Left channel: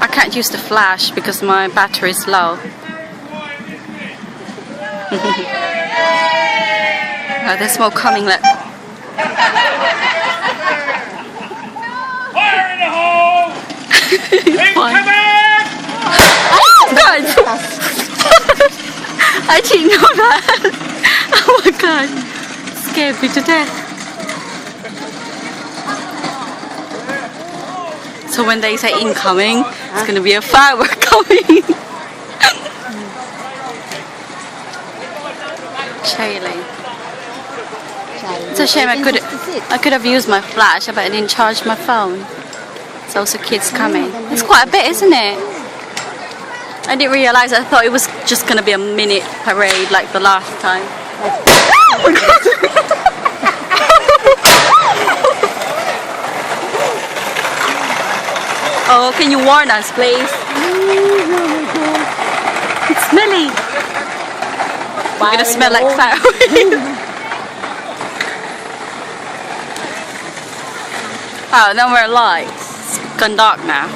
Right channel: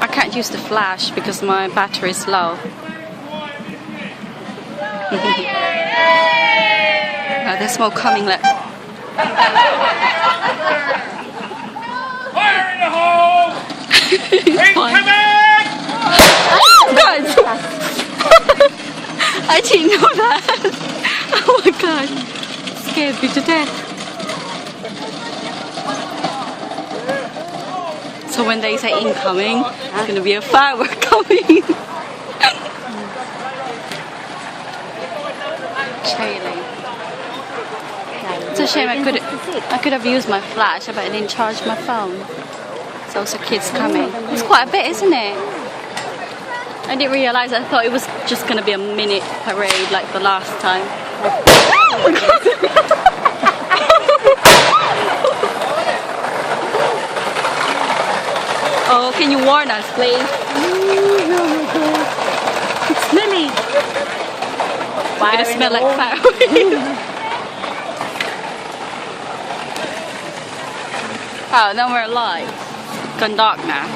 I can't use the flash because my battery is low. Oh, there's more coming. Fire in the hole! Oh God! I didn't know that. Oh my God! Scared me to death. So when they say incoming, it's gonna be a firework coming. Shaylee. It's a shame I could have used my flash, but I didn't charge my phone. There's also kids coming. It's quite a bit, isn't it? I didn't realise. I thought it was just gonna be a minute parade like the last time. Oh, can you warn us, please? It's smelly. We're gonna smell like fat. Oh, no more lights. It's gone dark now.